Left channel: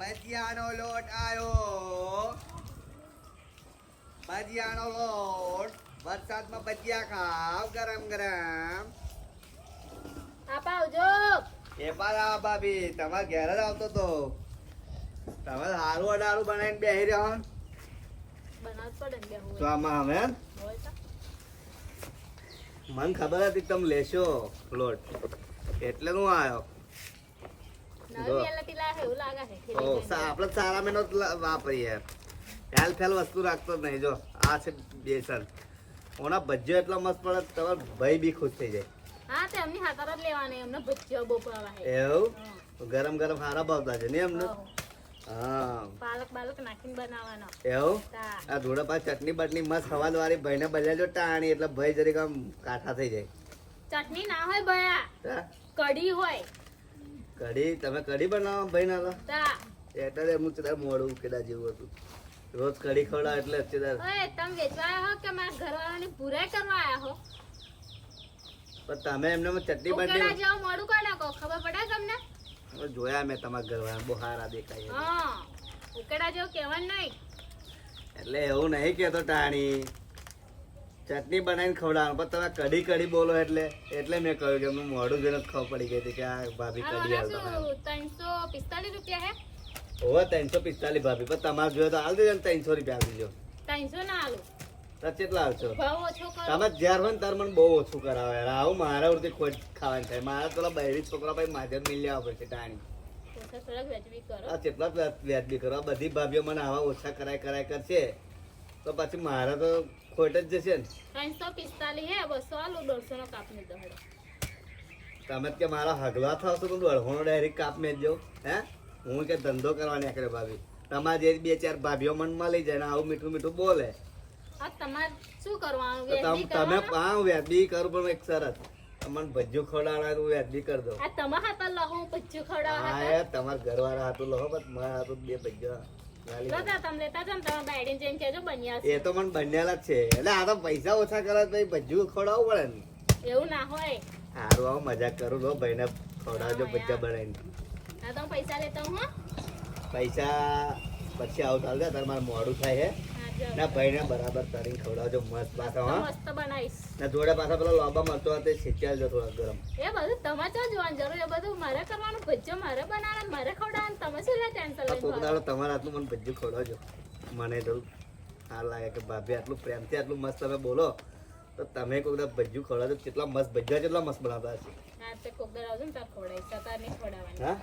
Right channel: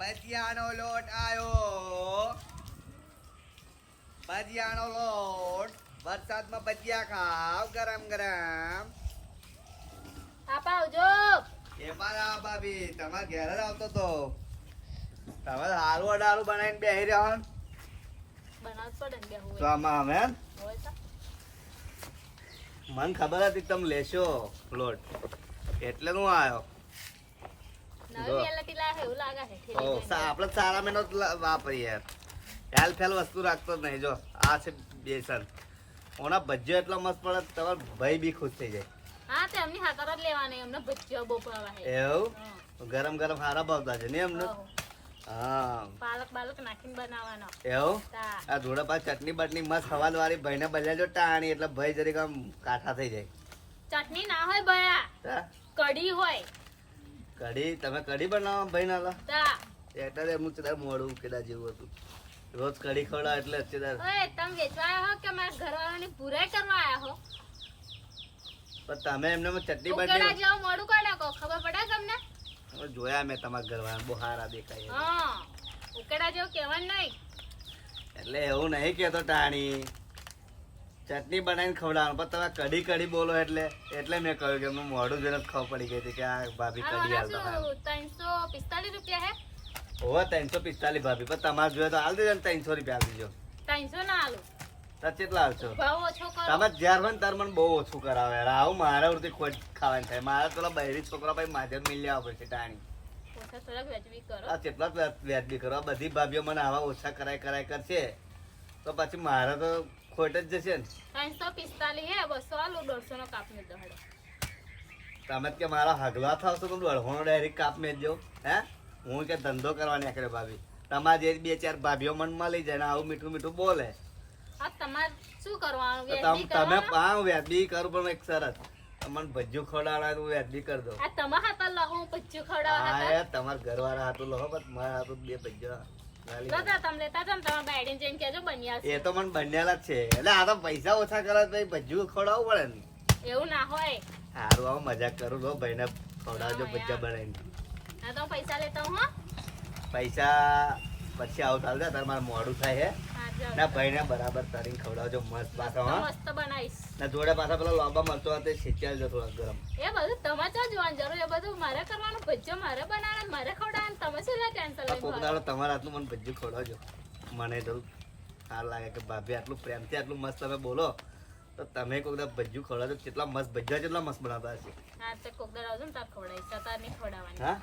ભજીયાનો લોટ આયો. ભજીયાનો લોટ. વરસાદમાં ભજીયા ખાવ ગરમ ગરમ. આપા આવજો. એ પાછા ભાભી તમારે ઘેર જ આવતો તો તમે હારું અડારું બનાવીને બેહી રહ્યો બનાવ પડે ને બેહું તો આમાં અમે હોય તો મને ખબર હતી તમે લેશો લોટ એટલે હું આવ્યો. નવી વેલાથી લાગે એવું લાગે છે આપડે સારા મહિનો વાપરીએ યાર. હેલ ફેલ વસ્તુ રાખતો જ નહીં. જો આ છે બેસન. ઓના ભજીયો એટલો મસ્ત પડે તમારો ભાઈ બી ખુશ થઈ જાય. હા તે એમની હાથર જ લેવાની એમને ભજીયો બહુ ભાવે છે. એવું ગરમ ગરમ હારા ભાવતા છે ને એમને. હા પાલક બાલક નાખીને બનાવવાનો એવું તા આ જોડે પાછી ચટણી બટની મસ્ત હવાદ વાળી ભાઈને બજાજો ટાણી એટલે ભાઈ જરીક આમ કાઠા થઈ જાય. ચટણી ના હોય ભયા તા કઢી હોય કઢી તમે કઢી બનાવો ભાઈ ના તા એટલે એમનું ચદાર મોડું કેડા જેવું હતું. રોજ કઢી ખવડાવ એટલે અત્યારે ઓય તમે વેચવા આયા હો કે મારા ઘરવાળાની પૂરાઈ કરવા આયા હો પણ તમે એમને ચટણી ઉકેડા બટની જેવું મોડું કરી નાખો ખબર પડે તમને જોયા મેં તમારા ઘરવાળા બહુ સારા દેખાય હા ઉકેડા જેવું કહેવાનું નહીં એટલે એવું નહીં કેતો ટાણી ચટણી બનાવીને ખવડાવવાનું પણ તમે કઢી કઢી બોલો એટલે મેં કહ્યું કે એમનું મોઢું જોઈને જ ખબર પડી ગઈ હતી કે આ ભાભી કઢી હાલતા શું 345 રૂપિયા હે હોવે 345 ભાભી પણ તમારે જોઈએ તો હાલ દેજો ને 300 રૂપિયા આપી દેજો. 300 ના આલું તો કેટલા આવશો ભાવ ઓછો કરો તમે જ્યાર હોય ને તાર મને બહુ ઓછું કરાવે યાર. આવું મારા વૃત્તિ ખોટ ખાવાની થાય. મારા પેલા બહેરી છોકરા ભાઈ માધ્યમ મિલ લેવા પડશે ટાણી. ઓછા થોડાક વેચવી કરો આ કેટલા વ્યાજબી કરવા બધી ભાભીઓ મને આવા ઓછા કરાય કરશે તો પછી મારે તો ખોટ જ જશે ને. 345 હે 200 આલું 150 નો કાપી દો હેડો તમે જ કે મારા હગલા થાવ તો તું અડહોનો ડાયરેક્ટ કાપ મેં જો હે હું કે ધંધો કરવા નીકળ્યો ભાભી. તમારે જે બે ચાર ભાભીઓ મન મળી જાય ને આવું મીઠું મીઠું બોલે આ તમારે શું કરવાનું તો વેચવી તમે કરવાનું? હા વ્યાજબી કરું પણ એક સરસ તમને ભજ્જુ ખવડાવવા તો વ્યાજબી કરી દો. આ તમારા હાથમાં લહો ભજીયું ખવડાવવા હા હતા યાર તમારા ઘરવાળા હાથું લો બસ મારા હાથું બે ભજ્જો બધા તમે લેતા જાઓ ને તમારા બાયડીને જઈને કહેજો બન્યા છે એ તો મને બનેલા જ છે એટલે આ તો પૈસા ઓછા કરે તો ભજ્જુ ખવડાવવું પડે ને. એવું ના હોય સારું આવું મજાક કરું લો ભાઈને ખવડાવજો ભજ્જા બનાવીને. ના તો હું પૈસા લેતા હું હા પૈસા પછી આવું ચાલશે તારે મારે મોડું થાય છે હા જાઓ. ના ભાઈને બરાબર તરીને ખવડાવજો મસ્ત પાછા તો હા મસ્ત બનાવીશ ના જોડે પાછા પેલા લોબા મરચો તે શેકી આવજો થોડા ગરમ. એ બધું તમારે તો જોવાનું જરૂર એ બધું મારે કરવાનું ભજીયો મારે બનાવવાનું મારે ખવડાવવાનું તમે શું લે ટેન્શન આ કોક લઈને દાડો તમારા હાથનું મને ભજ્જું ખવડાવજો. મને તો સારું લાગે કે ભાભી આટલું પ્રેમથી આટલું મસ્ત તમે બોલો તો તમે કોક દાડો ભજ્જું ખવડાવજો. કેટલા મસ્ત ભજ્જા કેટલા મસ્ત બનાવતા હશે હા તે કોક દર આવજો ને તાર ખવડાવીશ તાર નહીં ખવડાવવાની હા.